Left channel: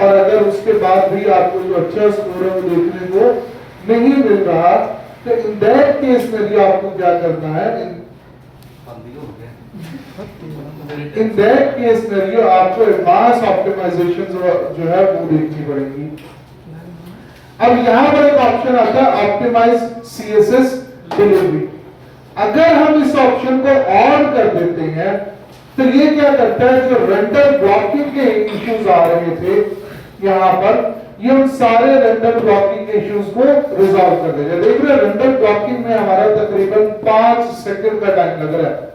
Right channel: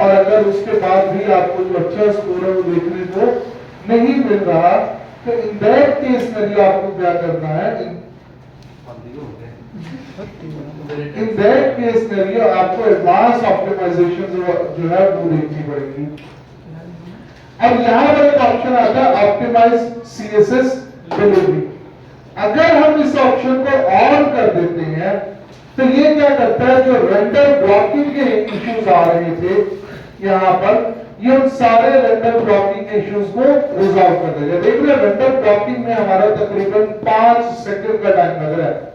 और अगर उसके बाद भी आपको जो अच्छा स्कोर है वो देखने को नहीं मिल रहा, तो इन दैट केस में आपको क्या करना है, इन दैट केस में आपको एडवांस ऑप्टिमाइजेशन जो है वो देखनी पड़ेगी। अब यहाँ पर एक ऑप्शन आता है ऑप्टिमाइज सीएसएस डिलीवरी। अगर हम इस ऑप्शन को ऑन कर देते हैं तो ये क्या करता है, जो रेंडर ब्लॉकिंग के इश्यूज आ रहे थे यहाँ पर, ये उन सारे रेंडर ब्लॉकिंग के इश्यूज को रिजॉल्व कर देगा। देख रहे हैं रेंडर ब्लॉकिंग में हमारा तकरीबन 5 सेकंड का टाइम लग रहा है।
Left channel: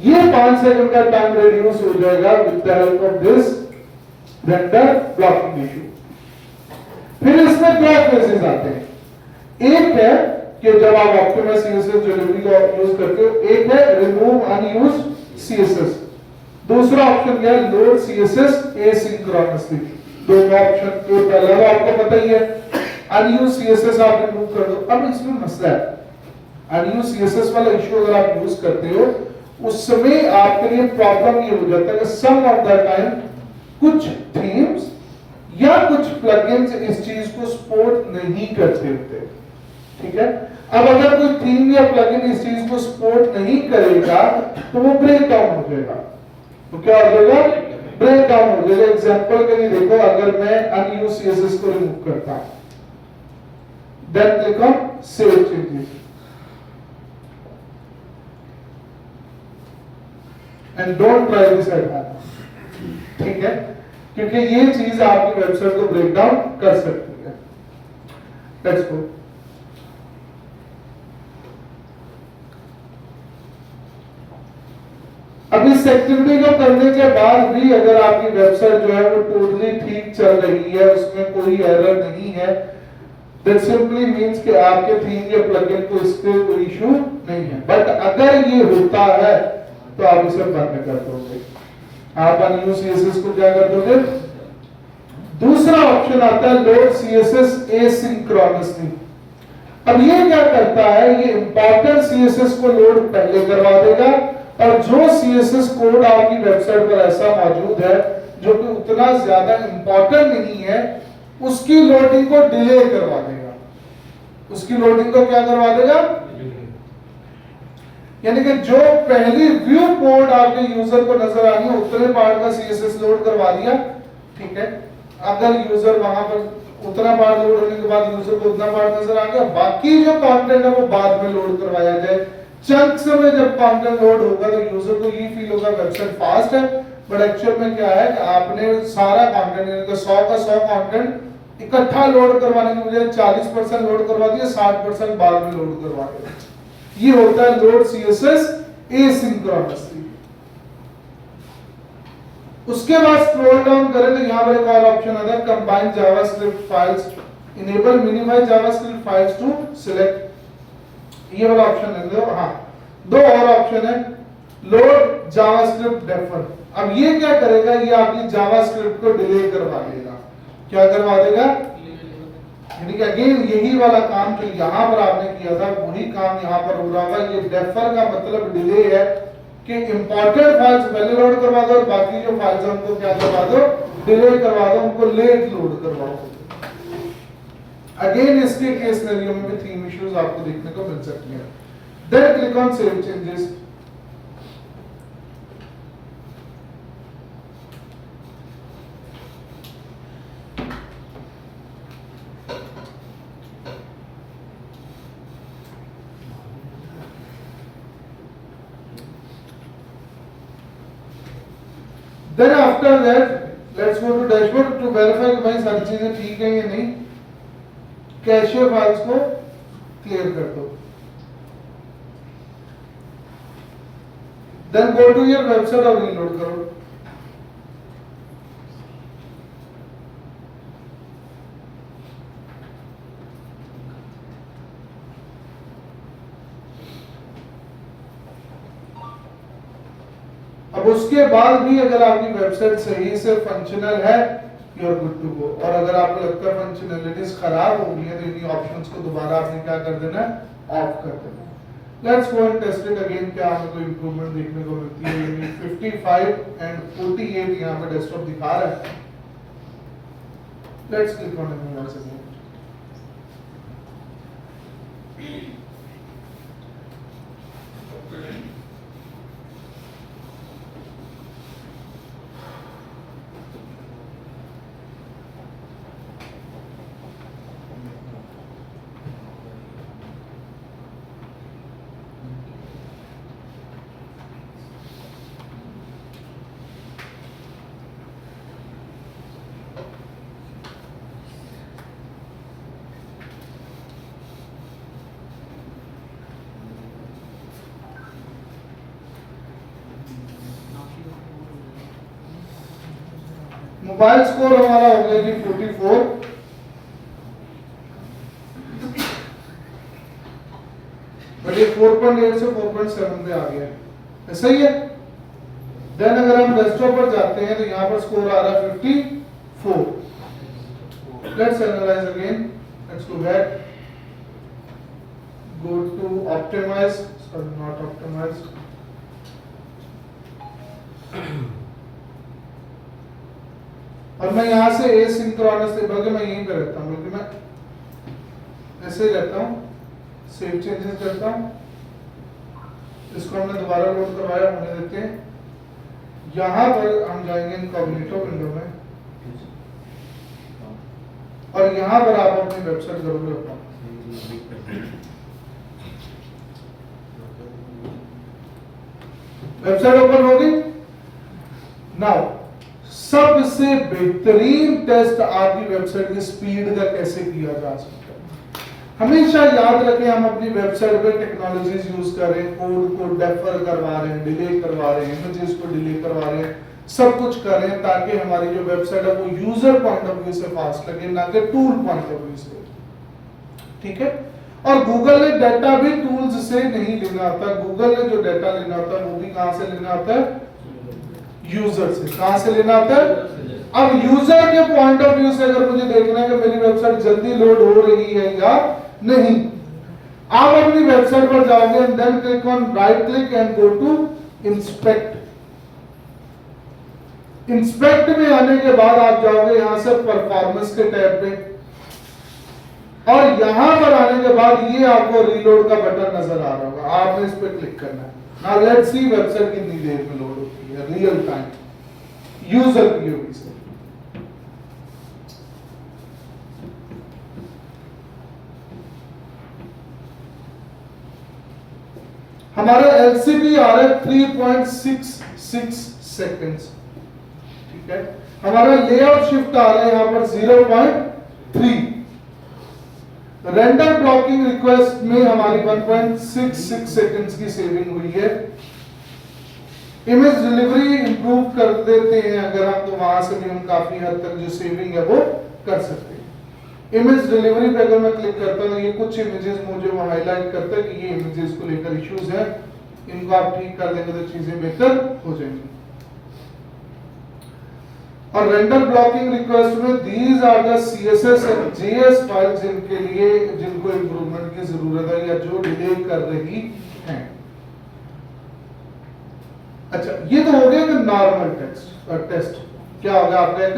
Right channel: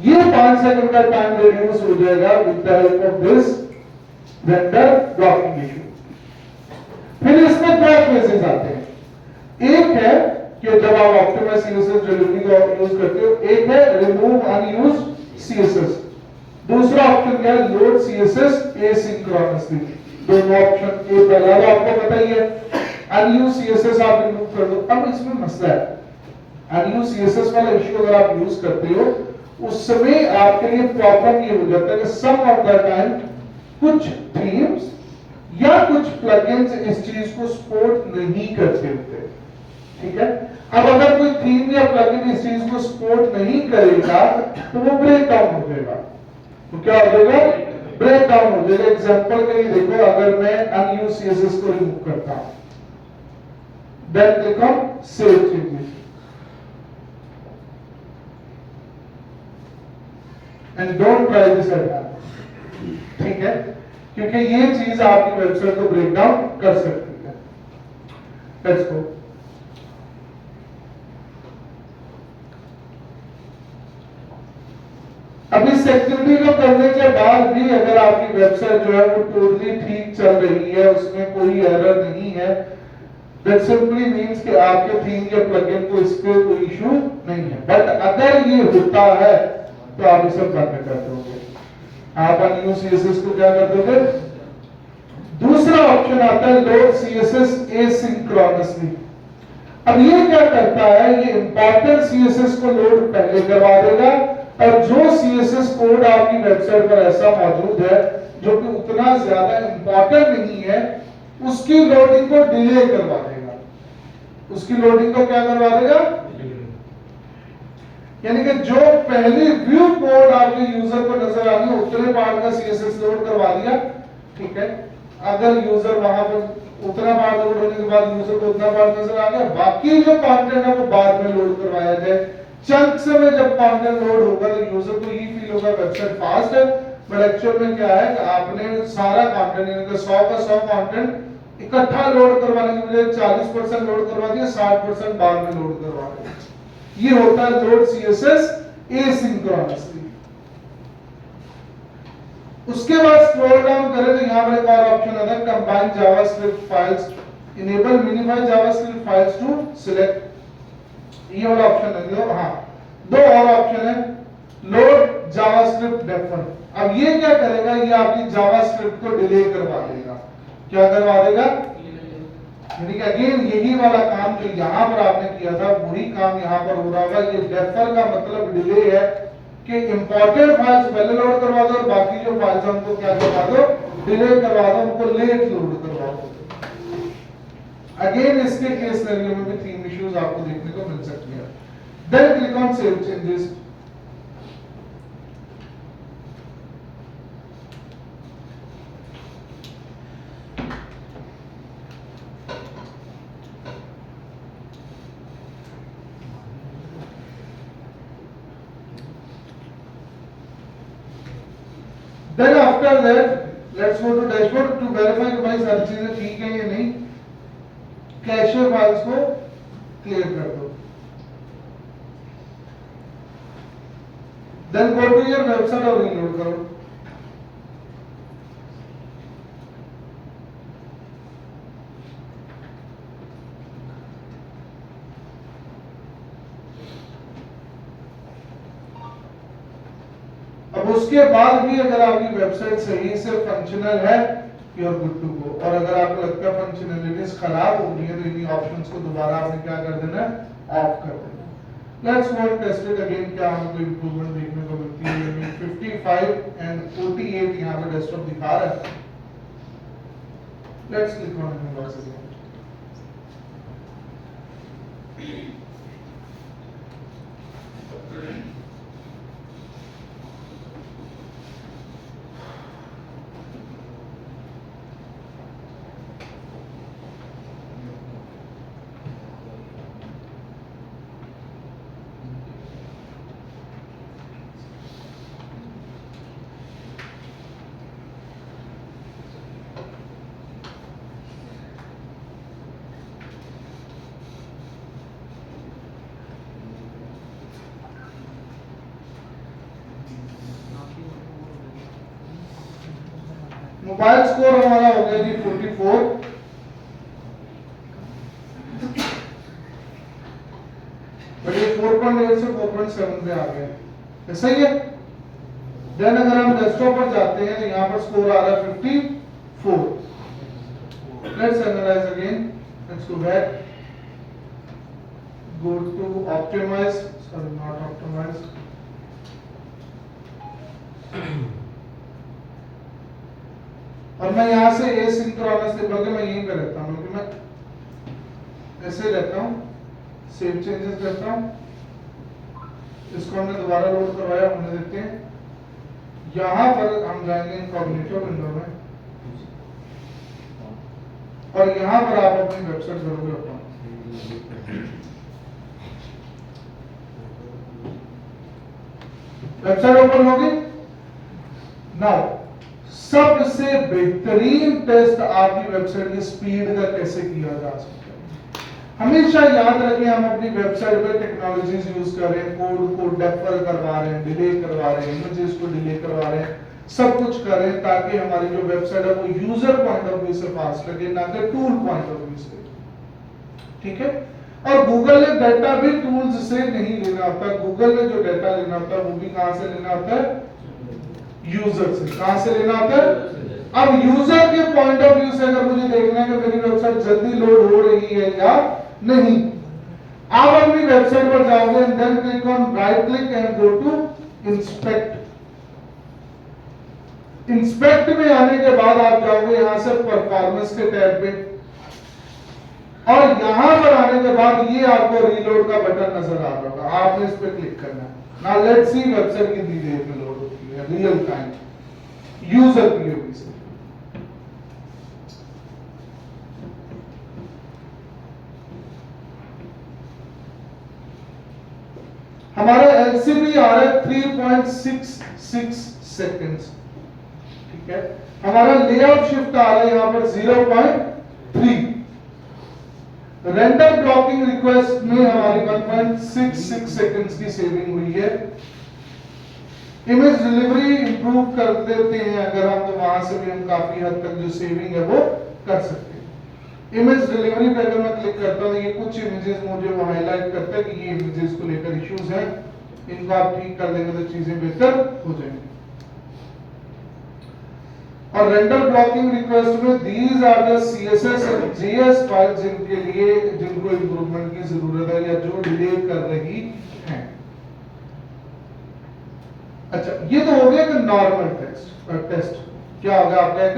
ये 5 सेकंड का टाइम रिड्यूस हो जाएगा with the help of this render blocking issue. फिर इसमें दो फेजेस आते हैं। एक है कि जब आप ऑप्टिमाइज सीएसएस डिलीवरी का यूज करते हो, एक है रिमूव अनयूज्ड सीएसएस, दूसरा ऑप्शन क्या है, लोड सीएसएस एसिंक्रोनसली। दोनों ऑप्शन, ए पहला वाला आपको पता ही है, अनयूज्ड सीएसएस आप रिमूव कर दो। अब इसमें मसला है, अनयूज्ड सीएसएस वाला इशू अगर आप यूज करते हो उस समय आपके लिए प्रॉब्लम ये हो जाता है कि सम ऑफ द टाइम कुछ थीम्स या कुछ प्लगइन्स इस चीज को सपोर्ट नहीं करते होते, ठीक है। अब अगर कोई थीम या प्लगइन इस चीज को सपोर्ट नहीं करेगा तो वो ब्रेक डाउन हो जाएगा। तो क्या हो जाएगा, ब्रेक डाउन हो जाएगा। एग्जांपल के लिए देखो, अगर मैं अनयूज्ड सीएसएस को रिमूव करता हूं, then click on save changes and don't try this at home, ठीक है, क्योंकि ये चीज आपकी वेबसाइट को ब्रेक डाउन कर सकती है। लेट्स गो। अब इस एक्टिविटी को करने के बाद भी अगर आपकी वेबसाइट जो है वो टोटली ठीक चल रही है, उसमें कोई एरर नहीं है, दैट सिंपली मींस कि आपके थीम या प्लगइन को इसके कोई इशू नहीं है। बट अगर ये होता है तो आप इसे बंद कर दोगे। आप अनयूज्ड सीएसएस को क्या कर दोगे। दूसरा ऑप्शन आता है लोड सीएसएस एसिंक्रोनसली। अब ये क्या करता है, ये इंपॉर्टेंट सीएसएस को लोड पहले करवा देगा और जो सीएसएस कोड आपकी वेबसाइट पर ऐसा मौजूद है जो कि उतना ज्यादा इंपॉर्टेंट नहीं है, उसकी लोडिंग को डिले करवा देगा। उसकी लोडिंग को क्या करवा देगा, यानी कि जो पहली व्यू कोड आपके यूजर को नजर आ रही है उतने पार्ट का सीएसएस लोड करवा दिया, ठीक है। अगर यूजर वहां पर उतना पार्ट लोड होने के बाद यूजर को उतना पार्ट नजर आ गया, बाकी जो कंटेंट है वो बाद में लोड करवाया जाए। चंक्स में जब कंटेंट लोड होगा तो यूजर को ये फील होगा वेबसाइट फास्ट है, बट एक्चुअल में क्या है कि आपने सारा कंटेंट यानी कि 100 का 100 कंटेंट इकट्ठा लोड करवाने के बजाय 40% लोड करवा दिया, 60% बाद में लोड करवा दिया। ये होता है लोड सीएसएस एसिंक्रोनसली। उसके बाद स्क्रॉल डाउन करें तो यहां पर एक और ऑप्शन आता है combine JavaScript files, enable minimise JavaScript files to select. ये वाला ऑप्शन है। हाँ, दो और ऑप्शन है, लोड जावास्क्रिप्ट डेफर। अब ये क्या करेगा, ये आपकी जावास्क्रिप्ट को डिले करवा देगा। क्या करवा देगा, यानी कि अगेन यही वाला काम जो यहां पर आपने किया था वही काम यहां पर हो रहा होगा। ये डेफर का मतलब डिले है कि इंपॉर्टेंट फाइल्स पहले लोड करवा दो और बाकी जो फाइल्स हमको क्या करवा दो, डिले करवा दो, उनको लेट लोड करवा दो। अगेन इसके केस सिनेरियो में भी थीम इश्यूज आपको देखने को मिल सकते हैं। Then click on save changes. Then after that, let's go to dashboard to verify कि भाई सारी चीजें ठीक है या नहीं। कैशियर फाइल्स को क्लियर कर दो। Then go to your website और रीलोड करो। अब उसके बाद भी अगर आपकी वेबसाइट सही से फंक्शनल है, you are good to go. और अगर आपको लगता है फंक्शनैलिटीज खराब हो गई है तो इन्हीं ऑप्शंस को दोबारा आपने क्या कर देना है, ऑफ कर देना है। Let's go and test it again, क्या हमें कोई इंप्रूवमेंट देखने को मिलती है। 55 एंड 48 यहां पर डेस्कटॉप दिखा रहा है। Let's click on it once again. Mobile score हमारा हो गया जी 44, बट ये 4.8 से 4.7 पे आ गया, सही है। देन अगर हम डेस्कटॉप पर जाते हैं तो यहाँ पर स्कोर आ रहा है 54। Let's analyse again, let's go back, go to optimize, sorry not optimize, और मैं यहाँ से एसिंक्रोनस बल्कि मैं यहीं पे रहता हूँ, बल्कि मैं ऐसे रहता हूँ, सेव चेंजेस करता हूँ, इसको हमने दोबारा लोड करवाया, होने देते हैं। यहाँ पर हम जाएंगे इनकॉग्निटो विंडो में, और यहाँ पर आप अपनी वेबसाइट करोगे अपना, वेबसाइट ओपन होगी। नाउ सबसे बेहतरीन टेस्ट आपकी वेबसाइट की स्पीड का कैसे किया जा सकता है। हमेशा याद रखें, हम अपनी वेबसाइट पे टेक्नोलॉजीज यूज कर रहे हैं, कोड को डेफर करवा रहे हैं, डिले करवा रहे हैं, इमेजेस को डिले करवा रहे हैं, सब कुछ कर रहे हैं ताकि हमारी जो वेबसाइट है वो यूजर पॉइंट ऑफ व्यू से फास्ट लगे, ना कि टूल पॉइंट ऑफ व्यू से। ठीक है। और गूगल ने डाटा भी टूल्स से नहीं लेना होता, गूगल ने जो डाटा लेना होता है वो भी कहां से लेना होता है, यूजर से। कहां से लेना होता है? अब यूजर के पॉइंट ऑफ व्यू से अगर मुझे देखना है कि मेरी वेबसाइट जल्दी लोड हो रही है या नहीं, आप अपनी वेबसाइट पर जाओगे and then click on right click and go to inspect. Inspect में आने के बाद आप जाओगे यहां से परफॉर्मेंस के टैब पे, और यहां पर आने के बाद ये आपको रीलोड का बटन नजर आ रहा होगा, आपने इस पे क्लिक करना है। नाउ लेट्स सी वेबसाइट कितनी देर में लोड होती है रियल टाइम यूजर पीओवी से। हमारा एलसीबी आ रहा है 3.66 सेकंड्स। ठीक है। हमारा लेआउट शिफ्ट आ रहा है यहां पर 0.3। रेंडर ब्लॉकिंग रिक्वेस्ट में हमारी 1.66 सेकंड्स की सेविंग हुई है। इमेज डिलीवरी इंप्रूव कर देते हैं अगर हम, तो वहां से भी हम काफी हद तक जो सेविंग है वो कर सकते हैं। इमेज डिलीवरी पे अगर मैं क्लिक करता हूं तो ये कुछ इमेजेस मुझे वो हाईलाइट करते हैं कि ये इमेजेस को लेकर इश्यूज हैं, इनको आप ठीक कर देंगे तो चीजें बेहतर हो जाएंगी। और रेंडर ब्लॉकिंग रिक्वेस्ट में these are the CSS and JS files जिनके लिए जिनको इंप्रूवमेंट की जरूरत है या जो डिले कर रही है। अच्छा, ये तो हो गया कि नॉर्मल टेस्ट क्या होगा आपका, एक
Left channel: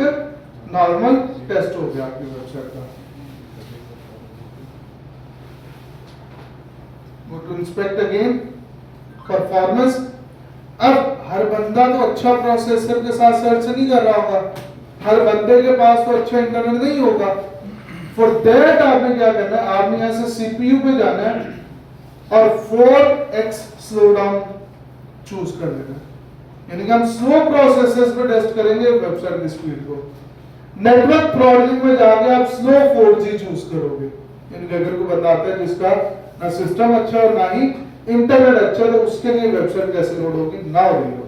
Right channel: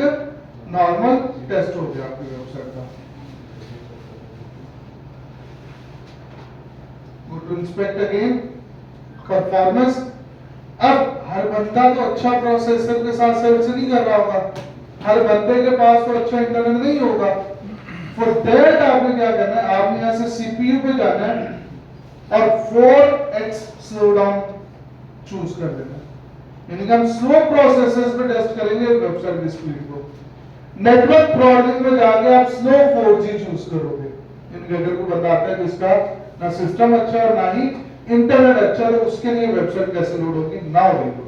नॉर्मल टेस्ट हो गया आपकी वेबसाइट का। Inspect again performance. अब हर बंदा तो अच्छा प्रोसेसर के साथ सर्च नहीं कर रहा होगा, हर बंदे के पास तो अच्छा इंटरनेट नहीं होगा। फॉर दैट आपने क्या करना है, आपने यहां से सीपीयू पे जाना है और 4x स्लो डाउन चूज कर देना है। यानी कि हम स्लो प्रोसेसर्स पे टेस्ट करेंगे वेबसाइट की स्पीड को। नेटवर्क थ्रॉटलिंग में जाके आप स्लो 4G चूज करोगे, यानी कि अगर कोई बंदा आता है जिसका ना सिस्टम अच्छा और ना ही इंटरनेट अच्छा, तो उसके लिए वेबसाइट कैसे लोड होगी, नाउ रीलोड।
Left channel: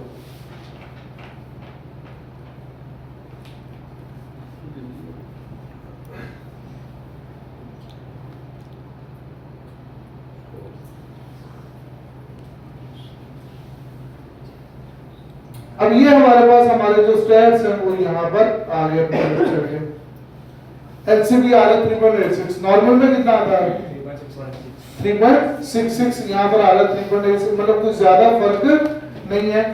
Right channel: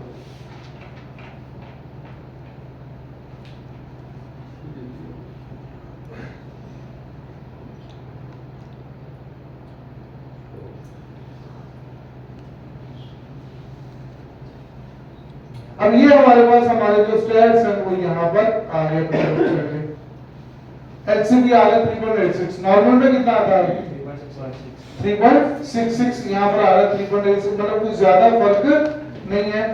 अब ये हमारे पास हमारे जो स्टैट्स हैं वो यहाँ पर आ गए। एलसीबी आ रहा है 3.86, नॉर्मल में कितना आता है 3.66, यहाँ पर आ रहा है 3.86, मतलब कुछ ज्यादा फर्क नहीं है।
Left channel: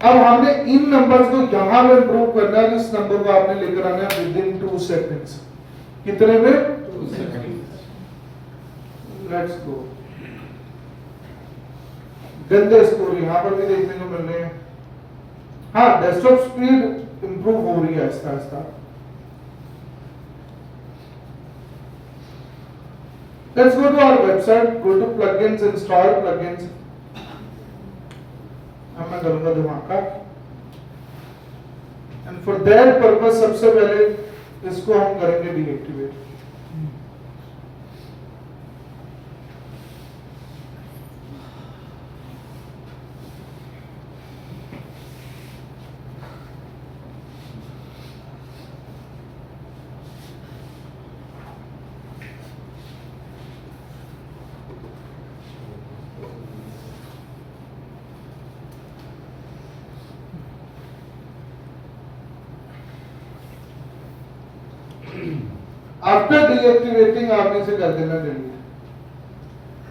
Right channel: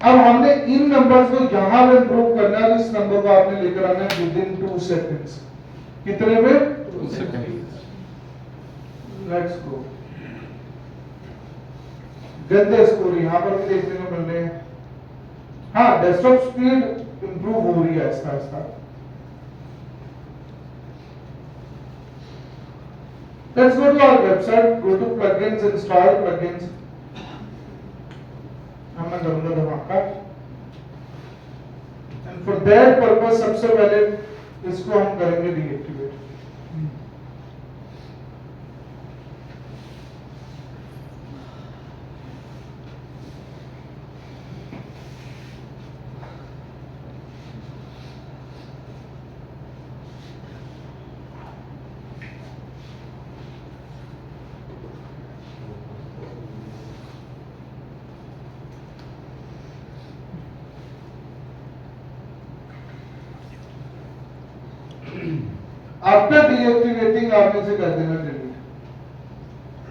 अब हमने इन नंबर्स को यहां पे इंप्रूव करना है, इस नंबर को आपने लेकर आना है विद इन 2 सेकंड्स। कितने में? 2 सेकंड। Let's go. गंदे स्कोर यहां पर भी देखने को मिल रहे हैं। हाँ, डेस्कटॉप स्पीड इंप्रूव हो रही है Aahista Aahista. Let's go to our website, go to plugins, install plugins. मैं करूंगा धमाका। And for that purpose सबसे पहले इसको हम करेंगे डीएक्टिवेट। आफ्टर डीएक्टिवेटिंग आपने इसे कर देना डिलीट,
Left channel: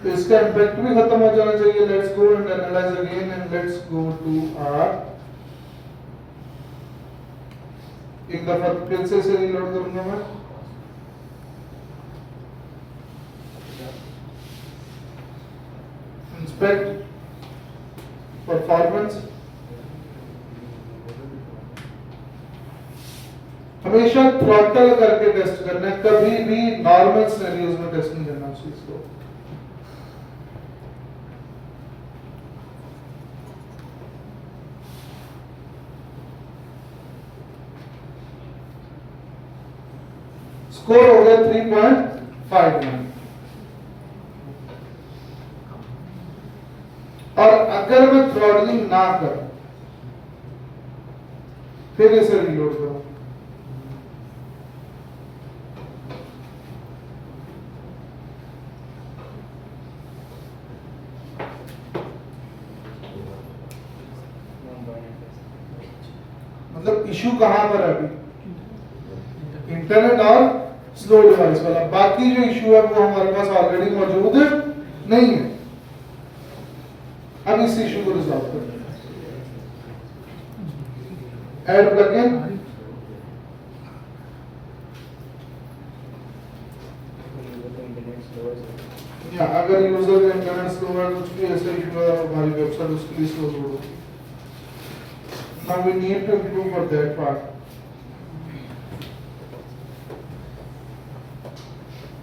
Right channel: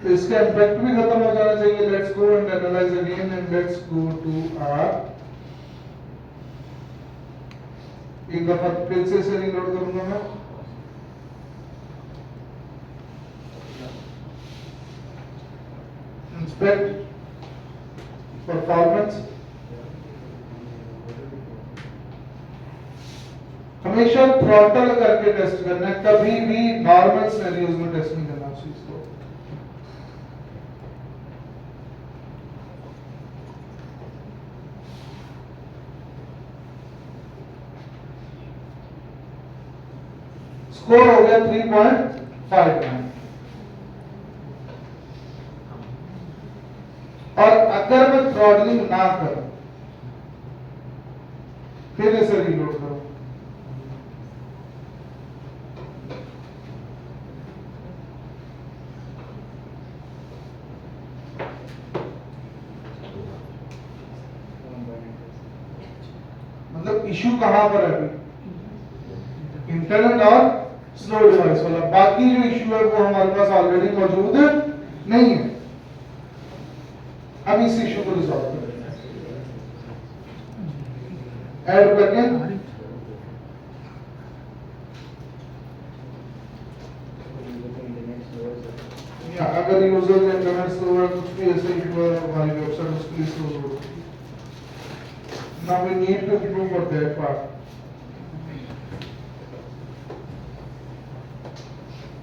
तो इसका इम्पैक्ट भी खत्म हो जाना चाहिए। Let's go and analyse again and let's go to our, एक दफा फिर से इसे रीलोड करूंगा मैं। इंस्पेक्ट परफॉर्मेंस, हमेशा थ्रॉटल करके टेस्ट करना है, कभी भी नॉर्मल सिनेरियोज में टेस्ट नहीं करना उस चीज को। स्कोर हो गया 3.59। और अगर मैं थ्रॉटलिंग ना करूं फिर इसे रीलोड करूं, मतलब इशू कहां पर है अभी? इंटरनेट और स्लो डिवाइस वाला। बाकी जो इशू है वो हमारे पास ऑलरेडी मौजूद नहीं है। अब इस इशू को रिजॉल्व करें। ऐड प्लगइन, या अगर यूजर ने इंटरनेट स्लो है, कुछ भी ऐसा इशू है हमारी वेबसाइट उसके लिए स्लो हो। Now we need to improve for that part.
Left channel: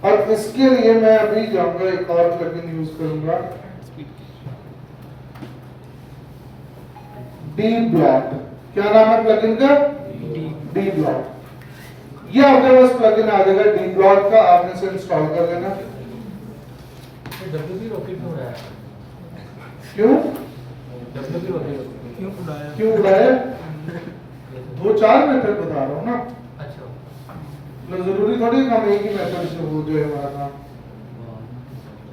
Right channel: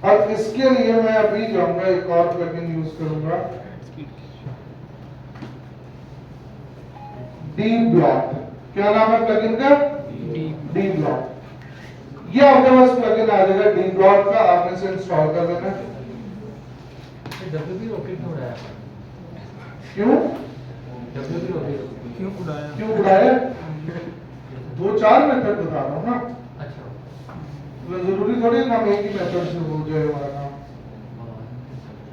और इसके लिए मैं अभी जाऊंगा एक और प्लगइन यूज करूंगा, डी ब्लॉक। क्या नाम है प्लगइन का? D block. ये आपके पास प्लगइन आ जाएगा डी ब्लॉक का, आपने इसे इंस्टॉल कर लेना। डब्ल्यूपी रॉकेट हो रहा है। क्यों? डब्ल्यूपी रॉकेट क्यों उड़ाया? क्यों उड़ाया? 2-4 मेथड बता रहा हूँ ना। अच्छा, जरूरी थोड़ी काम एक ही मेथड से हो जाए हमारा काम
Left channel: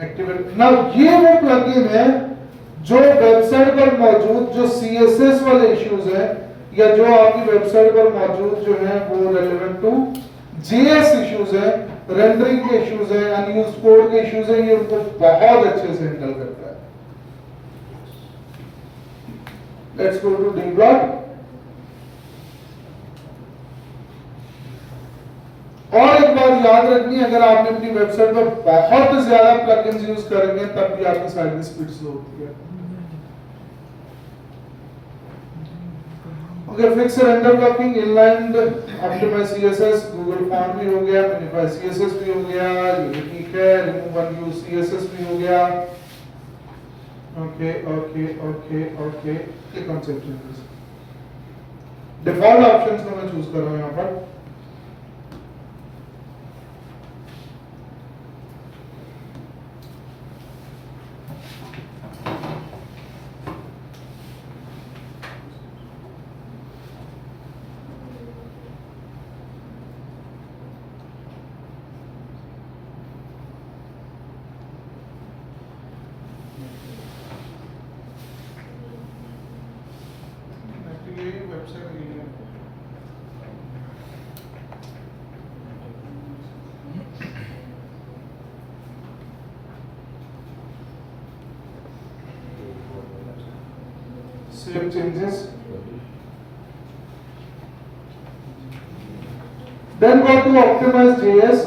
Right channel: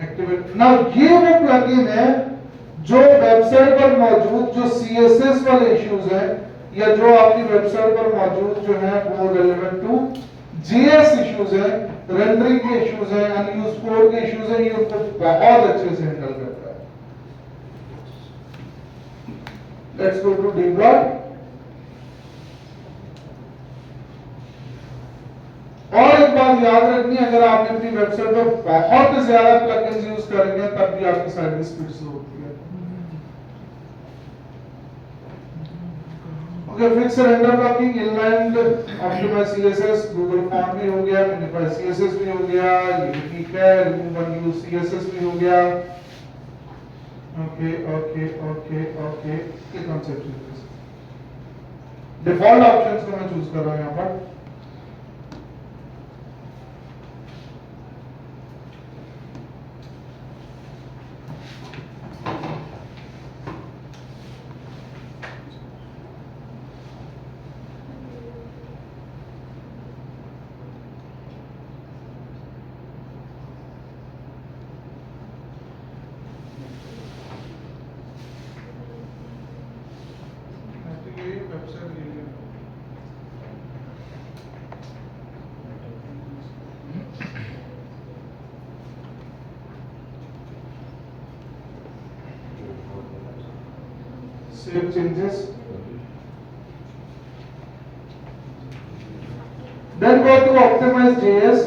एक्टिवेट। नाउ ये वो प्लगइन है जो वेबसाइट पर मौजूद जो सीएसएस वाले इश्यूज हैं, या जो आपकी वेबसाइट पर मौजूद जो है वो रेलेवेंट टू जेएस इश्यूज है, रेंडरिंग के इश्यूज हैं, अनयूज्ड कोड के इश्यूज हैं, ये उनको बहुत अच्छे से हैंडल करता है। Let's go to the block. और एक बात याद रखनी है, अगर आप अपनी वेबसाइट पर बहुत ज्यादा प्लगइन्स यूज करेंगे तब भी आपकी साइट की स्पीड स्लो होती है। Okay, fix render blocking, inline optimise CSS, Google form भी हो गया, मिनिफाई सीएसएस भी हो गया, ये ठीक है, रिमूव अनयूज्ड सीएसएस भी हो गया। ओके ओके ओके ओके, ये कॉन्सेप्ट है। डिफॉल्ट ऑप्शंस को मैं चूज कर रहा हूं यहां पर। Save changes. Then go to optimize JS.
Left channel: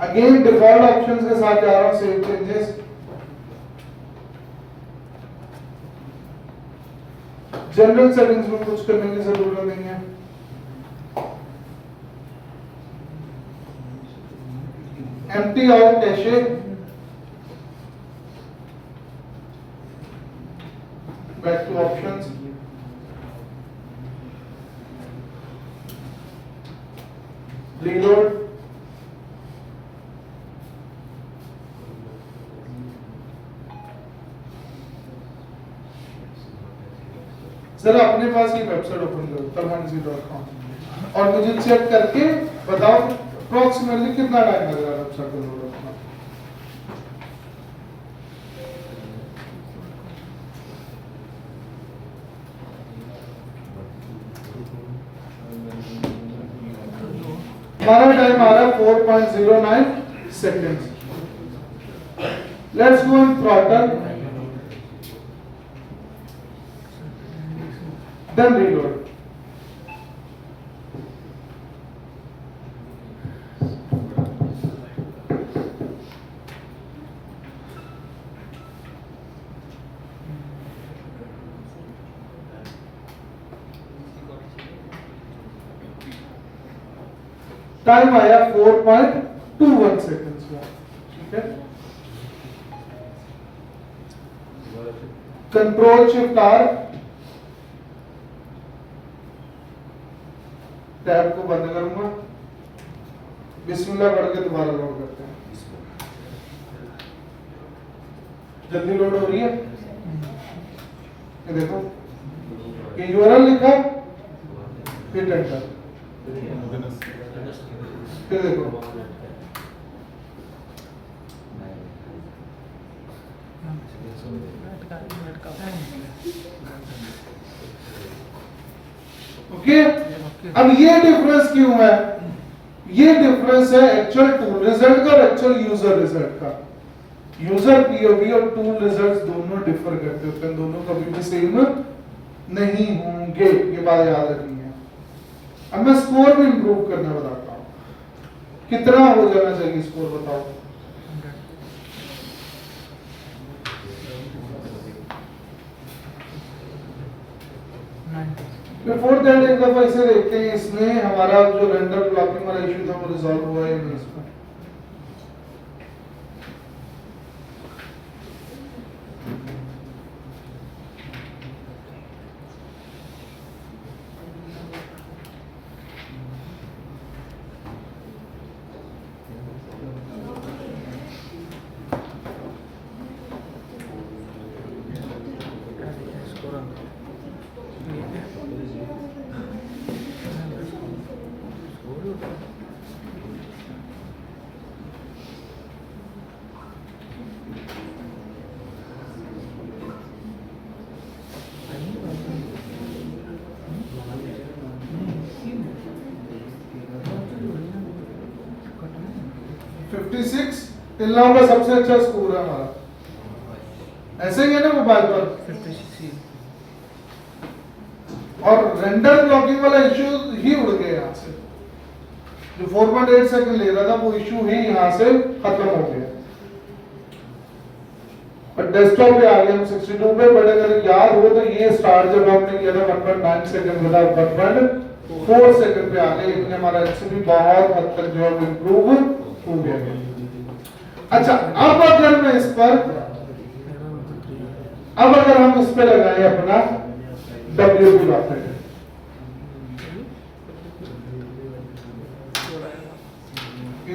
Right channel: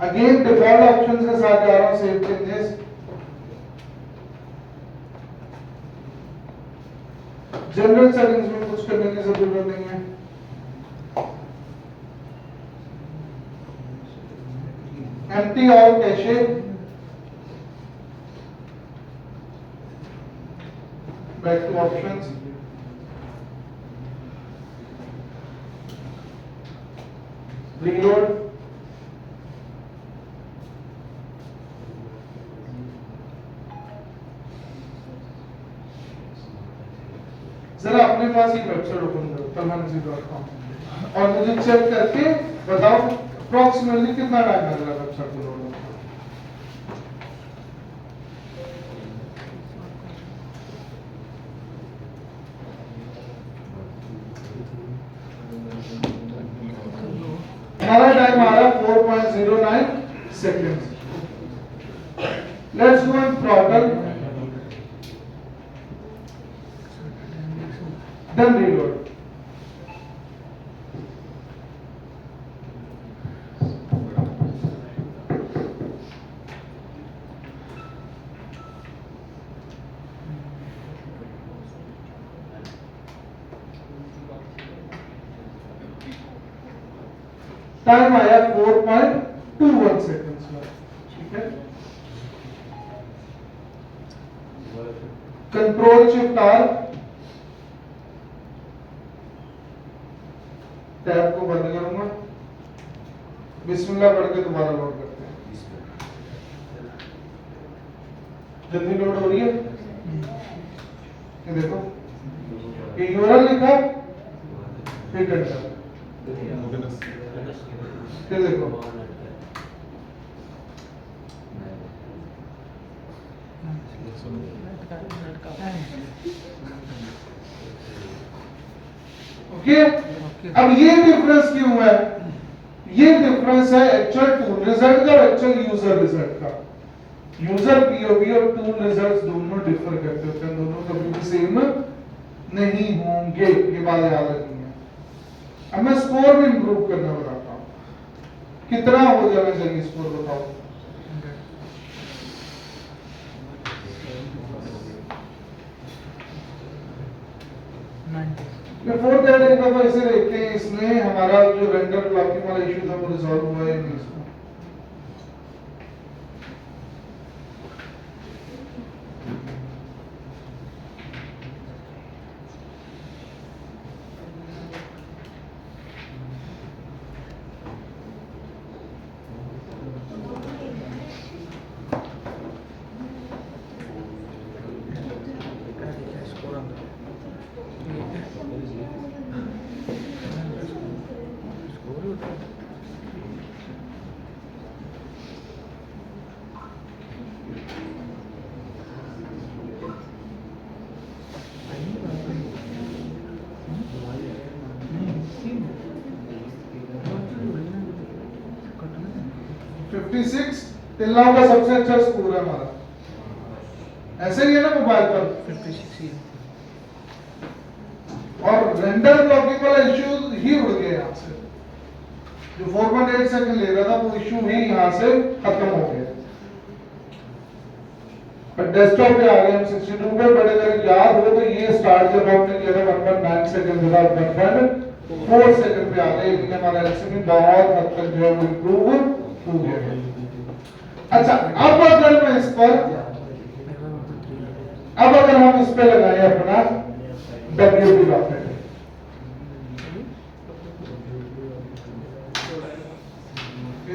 Again default options के साथ जा रहा हूँ, save changes. जनरल सेटिंग्स में कुछ करने की जरूरत नहीं है. empty all cache. Back to options. Reload. जरा अपने पास ही वेबसाइट ओपन करो talhansi.com और मुझे चेक करके बताओ अप्रोक्सीमेटली कितना टाइम लग रहा है वेबसाइट को लोड होने में. हमारा टाइम आ रहा है 4.09 seconds. Let's go in throttle. Then reload. Time आया 4.21 सेकेंड्स का. ठीक है. Control shift are. टैब को बंद करूंगा. बिस्मिल्लाह पढ़ के दोबारा लोड करते हैं. जल्दी लोड हो रही है. ये देखो ये यूआरएल लिखा, हिट एंटर. फिर देखो ओके. अब ये डिफरेंस क्यों है? ये डिफरेंस है एक्चुअल टूल रिजल्ट का और एक्चुअल यूजर रिजल्ट का. यूजर पीओवी और टूल रिजल्ट्स दोनों डिफर करते होते हैं. दोनों कभी भी सेम नहीं होंगे. ये बात याद रखनी है. अब मैं स्कोर भी इंप्रूव करने बताता हूँ. कितना हो जाना चाहिए स्कोर बताओ. बिफोर दैट एक दफा इसे देखते हैं इसमें हमारा जो रेंडर ब्लॉकिंग वाला इशू था वो रिजॉल्व हुआ है नहीं. इसमें टिल नाउ का सबसे अच्छा स्कोर है हमारा. ऐसे ही है ना मोबाइल पर 56. और रेंडर ब्लॉकिंग वाला इशू ही उड़ गया यहाँ से. जो 4.8 सेकंड ले रहा था वो इशू ही यहाँ से खत्म हो गया. और डेस्कटॉप पे आ गए हम 62 पे. बट अगर याद हो तो ये स्टार्ट जब हमने किया था 1.9 सेकंड बता 1.4 सेकंड पे आ गए. इनका हमारा एक्चुअली बहुत हद तक जो है इंप्रूव हो गया. अच्छा अब अगर मैं इस पर अब अगर हम इस पे लगाएं अपना WP लॉकर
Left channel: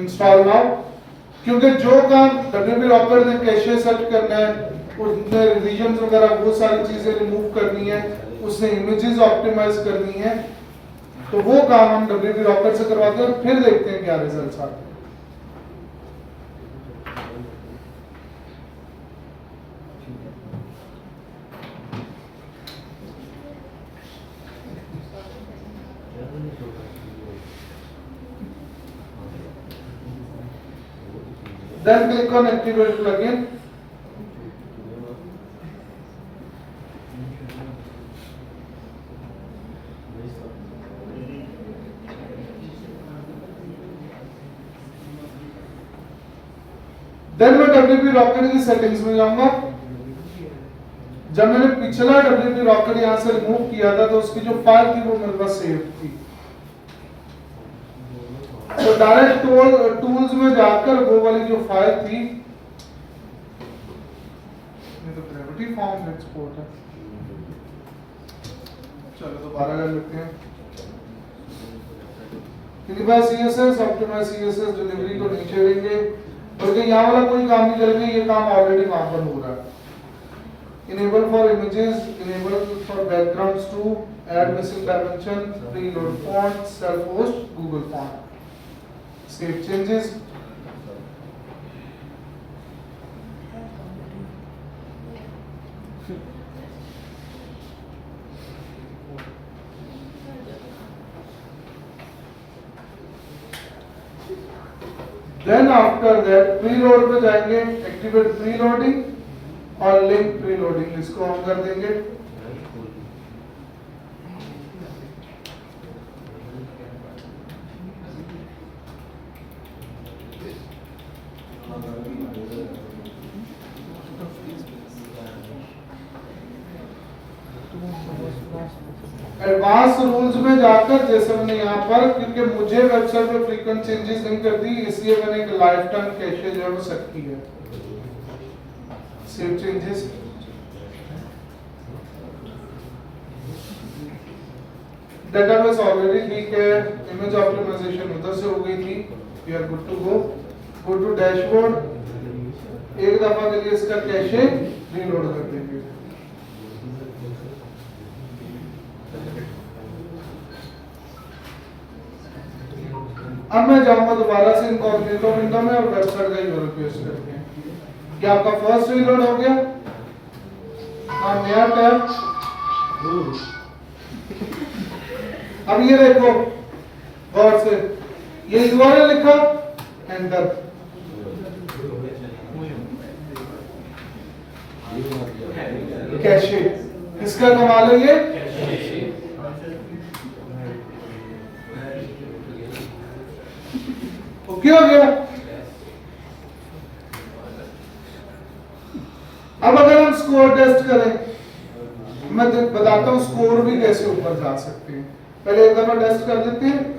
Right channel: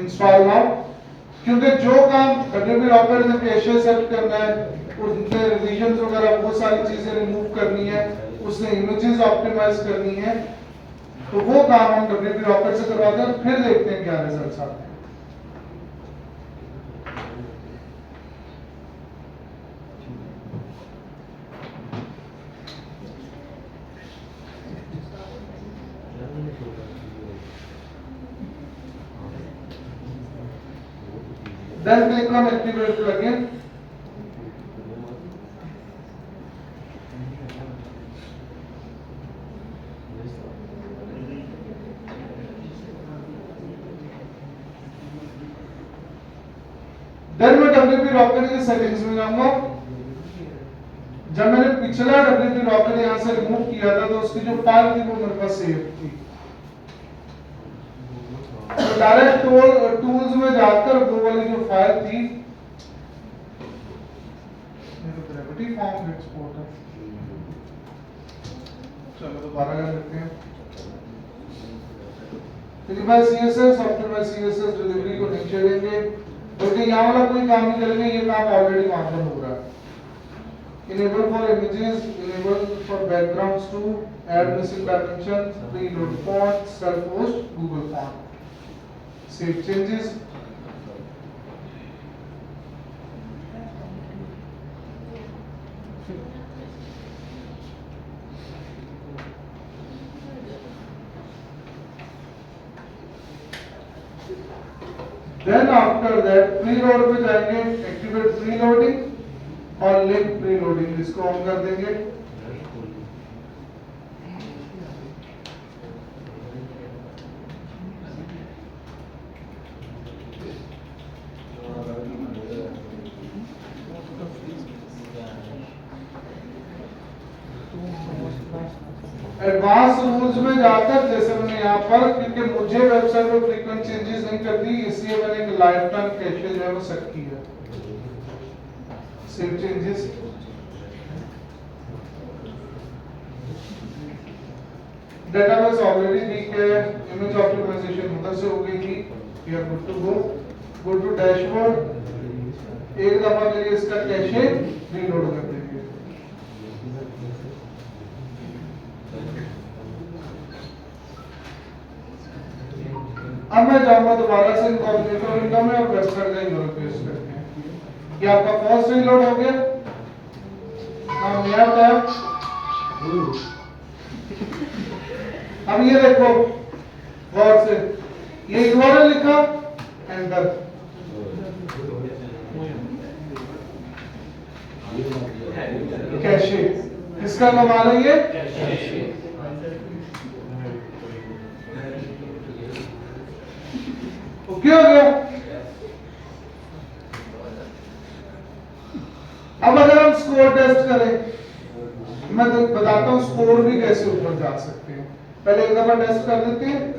इंस्टॉल नाउ. क्योंकि जो काम WP लॉकर ने कैशे सेट करना है, उसमें रिवीजन वगैरह वो सारी चीजें रिमूव करनी है, उसने इमेजेस ऑप्टिमाइज करनी है, तो वो काम हम WP लॉकर से करवाते हैं. फिर देखते हैं क्या रिजल्ट्स आते हैं. Then click on activate plugin. WP rocket की सेटिंग्स में जाऊंगा। जब मैंने पिछला WP रॉकेट यहाँ से रिमूव किया था तो उसकी जो फाइल थी वो मेरे पास सेव थी। तो डायरेक्ट टूल्स में जाकर वो वाली जो फाइल थी, मेरे ग्रेविटी फॉर्म एक्सपोर्ट है, चलो दोबारा कर लेते हैं। क्योंकि भाई CSS ऑप्टिमाइज CSS डिलीवरी को नीचे लेंगे क्योंकि यहाँ वाला कोई काम नहीं करेंगे, ये काम ऑलरेडी वहां पर हो रहा है। Enable for images, enable for backgrounds to add missing dimension, preload font, self-host, Google font. Save changes. Then after that preload पे जाएंगे, activate preloading और लिंक प्रीलोडिंग, इसको ऑन कर देंगे। एडवांस रूल्स में जाकर जैसे हमने यहाँ पर, क्योंकि मुझे वेबसाइट में फ्रीक्वेंट चेंजेस नहीं करती इसलिए मैंने एक लाइफ टाइम कैशे जो है वो सेट की है। सेव चेंजेस, डेटाबेस ऑलरेडी ठीक है, इमेज ऑप्टिमाइजेशन उधर से हो गई थी, we are good to go to dashboard, एक दफा के लिए इसका कैशे रीलोड कर देंगे। अब मैं जाऊंगा दोबारा से इनकॉग्निटो विंडो में और वेबसाइट का यूआरएल पेस्ट करते हैं। ये आपका फर्स्ट रीलोड हो गया। अब नया टैब, अब ये देखो गौर से, ये यूआरएल लिखा, एंटर, कैशे, इसका कमा लेंगे। ओके हो गया। अब अगर हम स्कोर टेस्ट करें, मैं बताता हूं स्कोर भी कैसे ऊपर जा सकते हैं। पहले एक दफा टेस्ट कर देते हैं।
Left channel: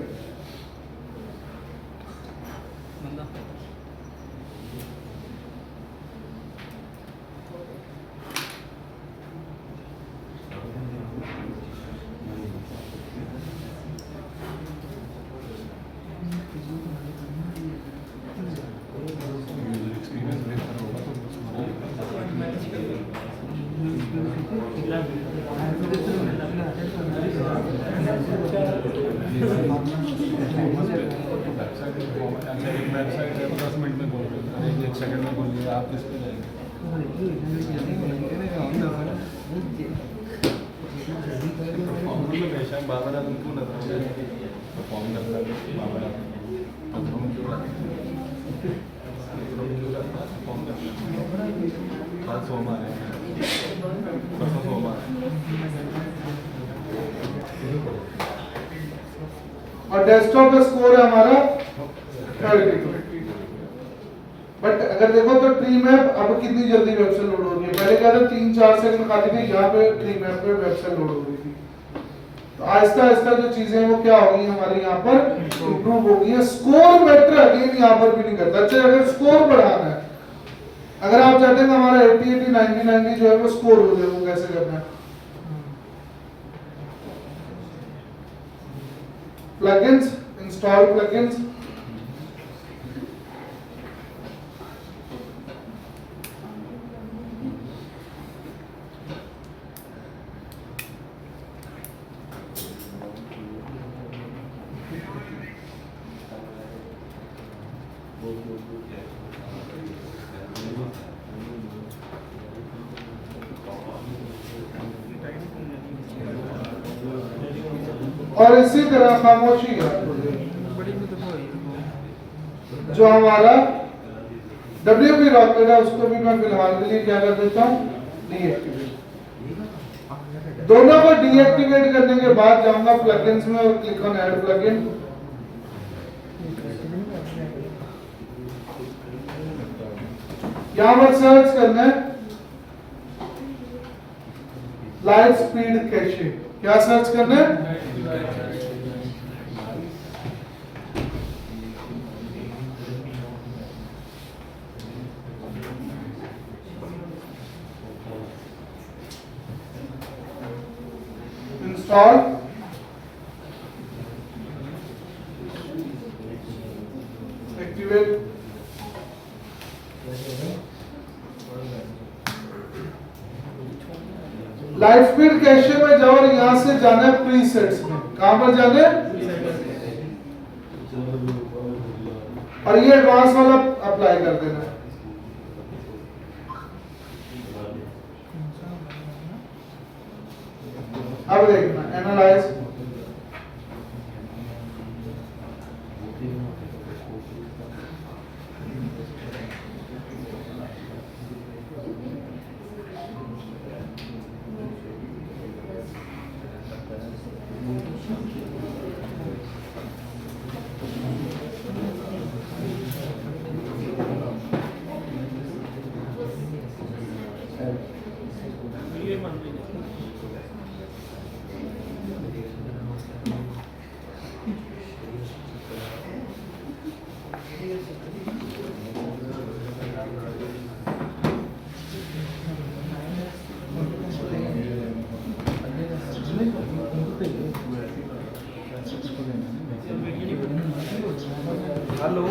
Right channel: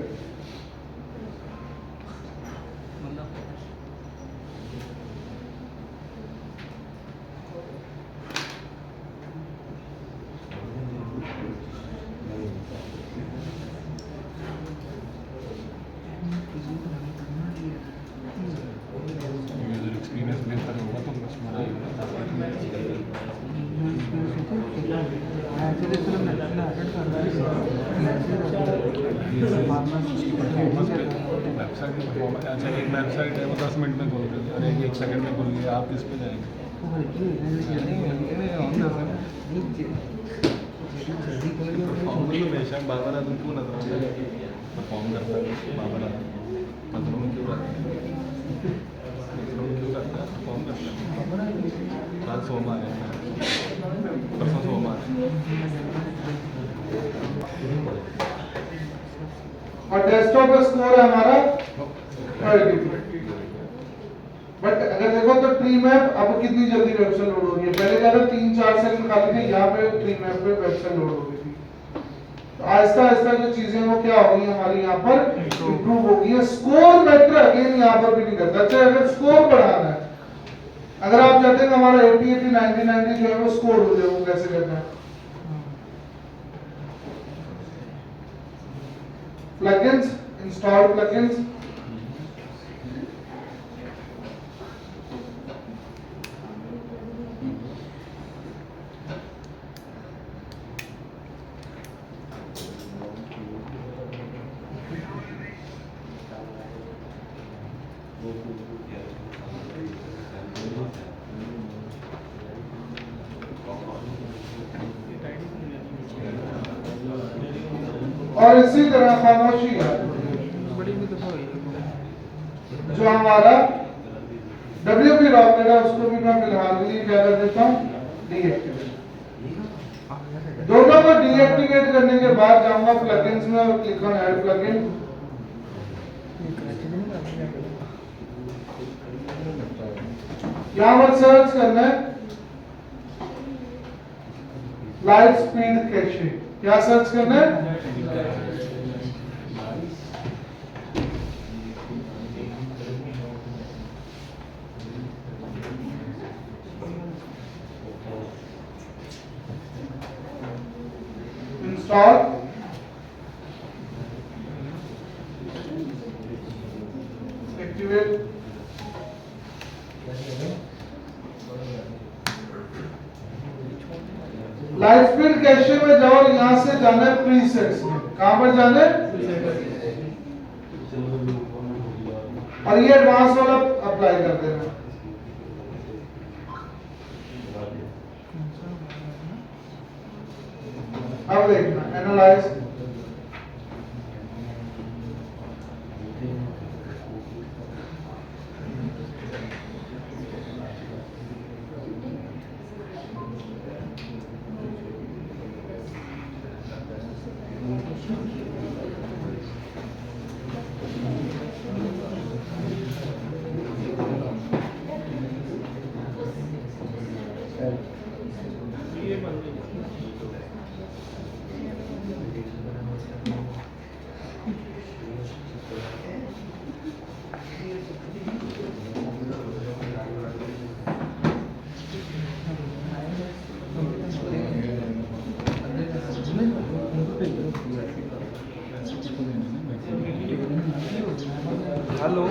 आप इस पे जाएंगे बाबा तुम क्यों परफॉर्म करता है बाबा परफॉर्म क्यों करता परफॉर्म करता आज सोमवार है, परसों सोमवार और डेस्कटॉप का स्कोर है हमारा 30। बट अगर देखो तो ट्री मैप अब कितनी जल्दी वेबसाइट लोड होगी है। पहले क्या था 3-4 सेकंड खाली थे, यहाँ पे ट्री मैप पे वेबसाइट लोड हो गई थी। तो आहिस्ता आहिस्ता जो चीजें वो क्या हो गई हमारे यहाँ पर इंप्रूव हो गई है। स्कोर मैटर अगेन यहाँ पर भी नहीं करता। अच्छा अगर स्कोर बढ़ाना है, अगर आप चाहते हैं हमारा 80, 80, 90, 90 जो है वो स्कोर हो जाए, वो कैसे करना है? प्लगइन्स, इंस्टॉल प्लगइन्स, और इसी तरह खामोशी का जो हमारा WP रॉकेट है उसको भी मैं फिलहाल के लिए क्या कर देता हूँ, डीएक्टिवेट। दोनों को डीएक्टिवेट करने के बाद जाऊंगा प्लगइन्स में और क्लिक ऑन ऐड प्लगइन। यहाँ पर सर्च करना है लाइट स्पीड कैशे। क्या सर्च करना है? Install, activate. Light speed cache में जाओ और यहां से जाना है प्रीसेट्स में। कहां पर जाना है? और ये एडवांस वाला अप्लाई कर देना। अब देखना एनालाइज, हेलो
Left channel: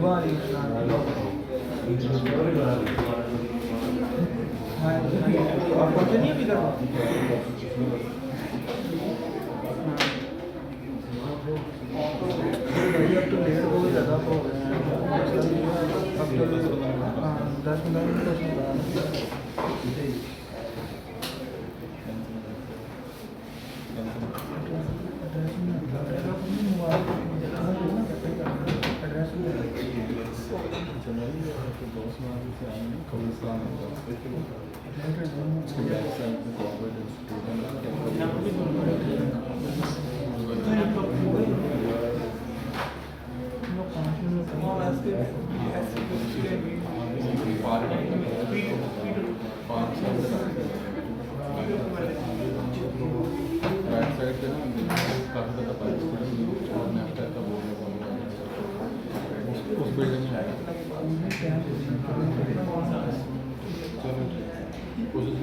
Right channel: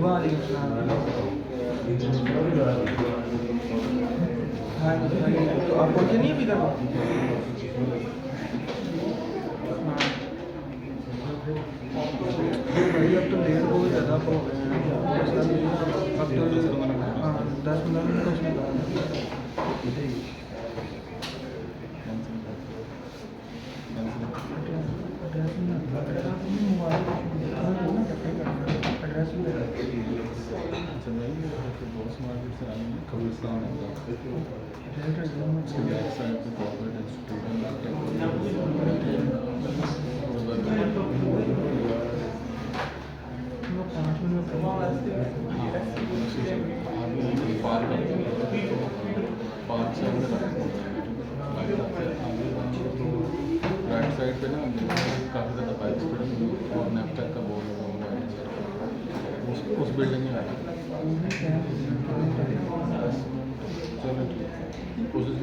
वालेकुम सलाम। हाँ तो आप पहुँचे नहीं अभी तक? भाई अब तो लेट बहुत ज़्यादा हो गए हैं। अब तो हाँ 10-15 मिनट उसमें राइट साइड पे ना काफ़ी ज़्यादा पाइप्स खड़े हैं और नेक्स्ट टाइप का बोर्ड लगा हुआ है उस बिल्डिंग में है। चलो ठीक, कोशिश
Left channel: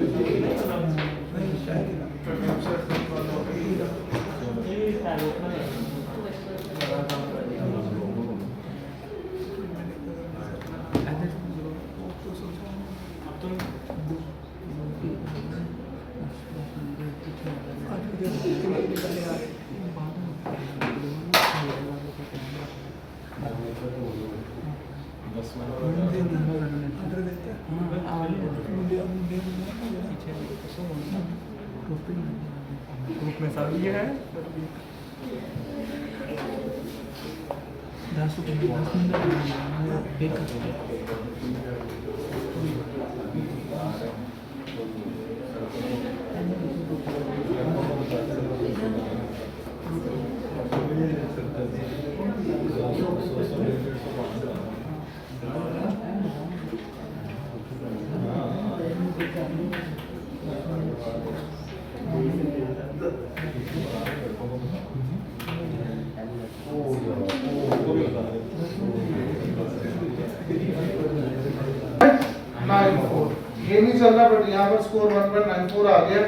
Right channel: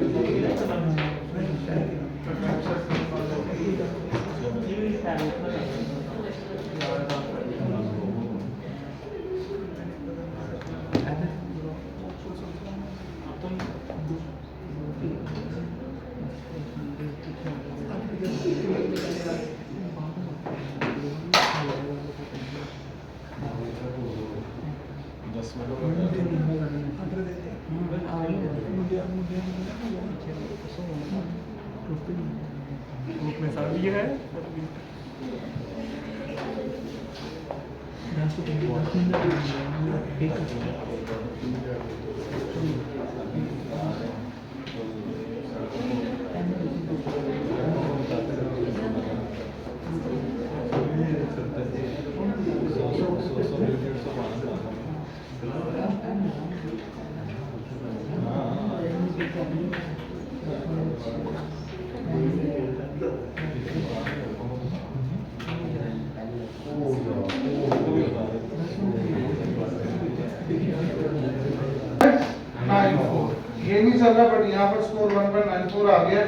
ये नहीं चल रहा, बट यहाँ पर स्कोर 1.94 आ गया।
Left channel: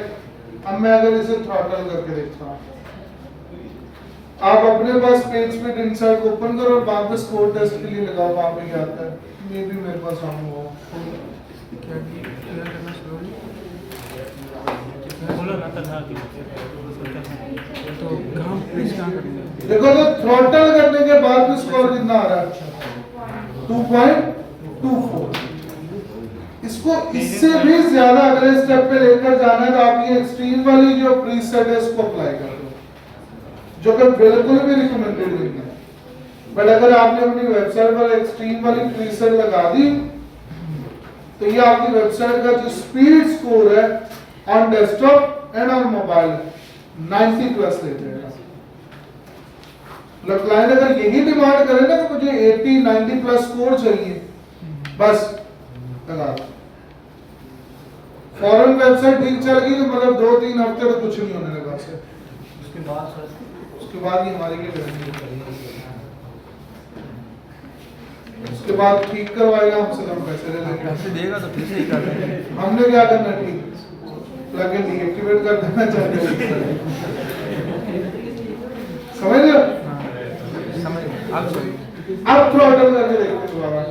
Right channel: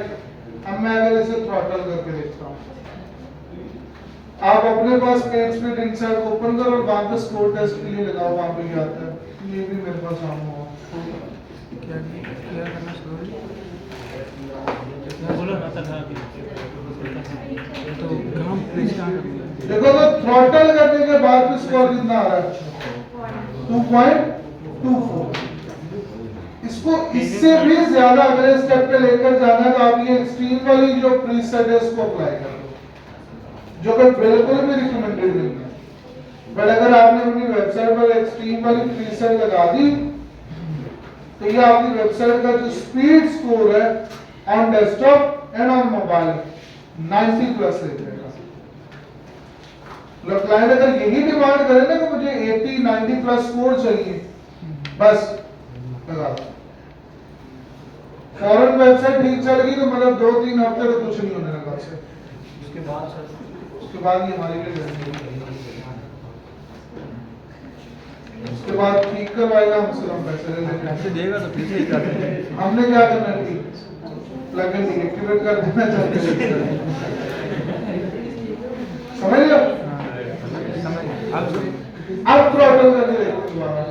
अब मैं अगर इसे थ्रॉटल करके देखता हूँ, आप अपने पास पेज स्पीड इंसर्ट ओपन करो और वहाँ पे स्कोर टेस्ट के लिए लगाओ। वहाँ पे क्या आता है, ये भी मेरे पास आना हुआ। क्या करना स्लोली तो ग्राम प्रेस कहाँ करेंगे? देखो तो थ्रॉटल करने के बाद भी स्कोर कितना आ रहा है? 2.24। इसको इससे भी ज्यादा अगले स्टेप पे लेकर जाना है तो आप ये एक्सट्रीम वाली जो प्रीसेट है उसको अप्लाई कर दो, जो कि बिल्कुल भी रिकमेंडेड नहीं है। बट अगर आपने अपनी वेबसाइट पर एक्सट्रीम वाली प्रीसेट लगा दी तो ये आपकी वेबसाइट का जो स्पीड स्कोर है on desktop and on mobile 90+ ले जाएगा। क्लाइंट अगर यही डिमांड करे ना कि मुझे 80-90+ स्कोर चाहिए बस लगा दो। फॉरेन वेबसाइट ठीक चल गई तो मतलब 2-3 हफ्ते तो कुछ नहीं होने लगा उसे। उसके बाद ही हमारी के उसके बाद ठीक करवाएगा हमसे, हम पैसे ले लेंगे। पैसे देगा तो फिर से ही कर देंगे। हमने क्या करना है? ठीक प्लगइन डीएक्टिवेट कर देना चाहिए। समझ गए? समझ अब अब थ्रॉटल करके देखो दोबारा।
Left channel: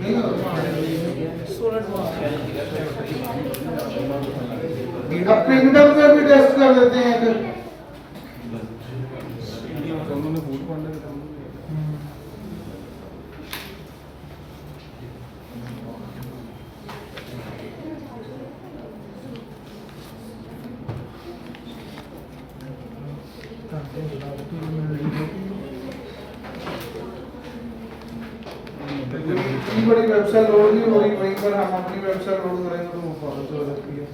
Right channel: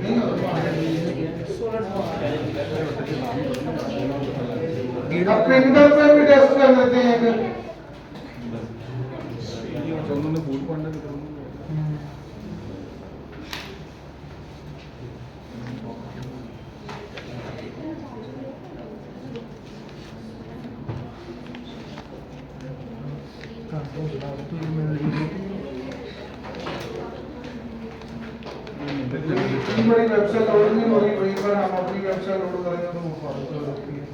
नहीं होता। अब पिंगल पे भी टेस्ट कर देते हैं अगर तो उन्होंने फूड पांडा इतनी बड़ी वेबसाइट लोड नहीं हो रही, वहीं पर हम अपनी वेबसाइट लोड करेंगे तो वो प्रॉब्लम हो सकती है।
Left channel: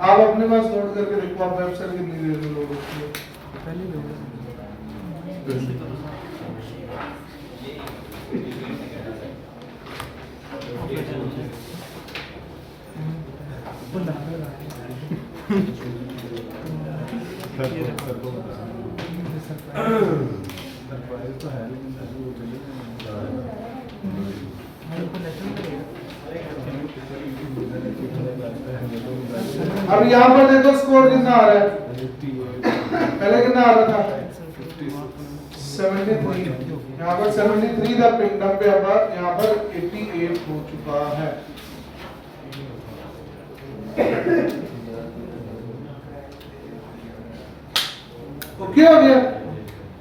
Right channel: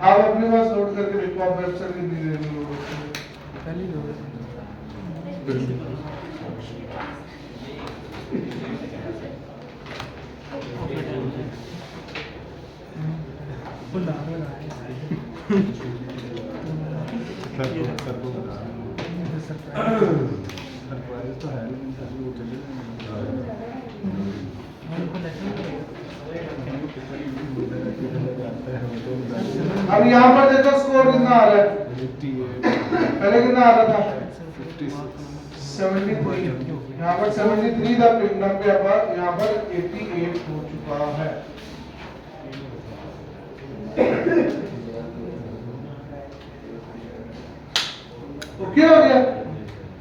आप अपने पास लोड करके देखो, आप वेबसाइट कितनी देर में लोड होती है। पहले ही लोग सरप्राइज तो है लेकिन वो अब यहाँ पर देखो स्कोर कितना आ रहा है, पहले कितना आ रहा था 73, यहाँ पर 73 था पिंगडम पे, अब यहाँ पर 88 हो चुका है। ओके हो गया।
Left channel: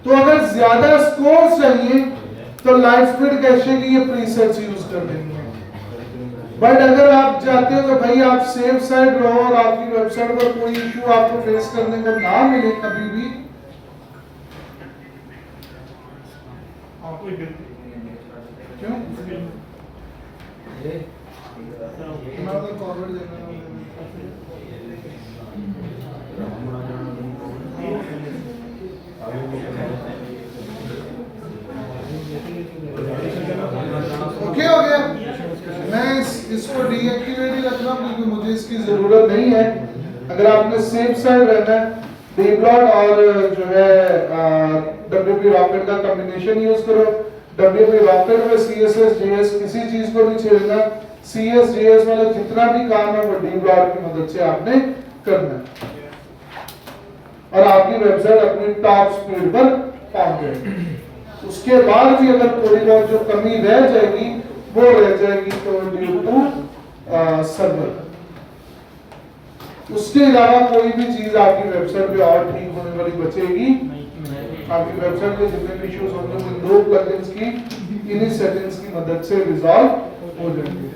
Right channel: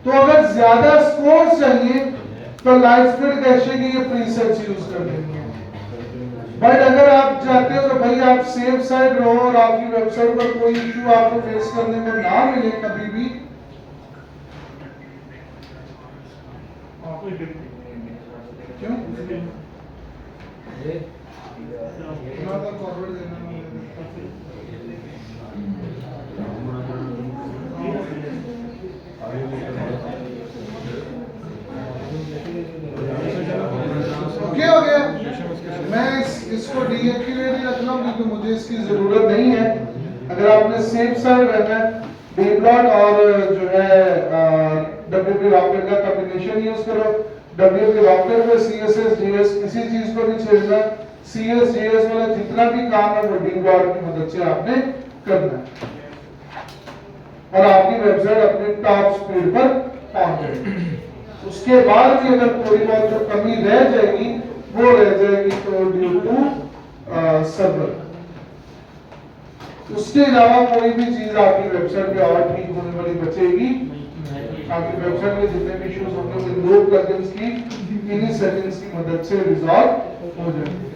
तो अगर ज्यादा स्कोर चाहिए तो लाइट स्पीड कैशे की ये प्रीसेट्स यूज कर लेंगे। बट अगर आप चाहते हो तो भाई आप सेफ साइड रहो और आपकी वेबसाइट पर कोई इश्यू आपको फेस करने को ना मिले कभी भी, क्यों फॉरवर्ड देना ओके हो गया। मैं इसको डीएक्टिवेट ही रख रहा हूँ क्योंकि मुझे इसकी जरूरत नहीं है। अगर आपने सेफ साइड रहना है, डीब्लॉट और जो है डब्ल्यूपी रॉकेट का कॉम्बिनेशन यूज करो। डब्ल्यूपी रॉकेट में सीएसएस जेएस किसी चीज को नहीं छेड़ना। सीएस जेएस वाला जितना भी काम है वो डीब्लॉट की मदद से आपने करना है और आपकी वेबसाइट अपनी टॉप स्पीड पर पहुंच जाएगी। उसके बाद भी अगर थोड़ी बहुत जो कमी रह जाएगी वो रह जाएगी तो ड्यू टू सर्वर। उसके अलावा कोई भी चीज आपकी वेबसाइट पे और ठीक होने वाली बचेगी। आपकी वेबसाइट में जितने भी इश्यूज होंगे वो इन दो प्लगइन्स की इन्हीं सेटिंग्स की मदद से रिजॉल्व हो जाएंगे।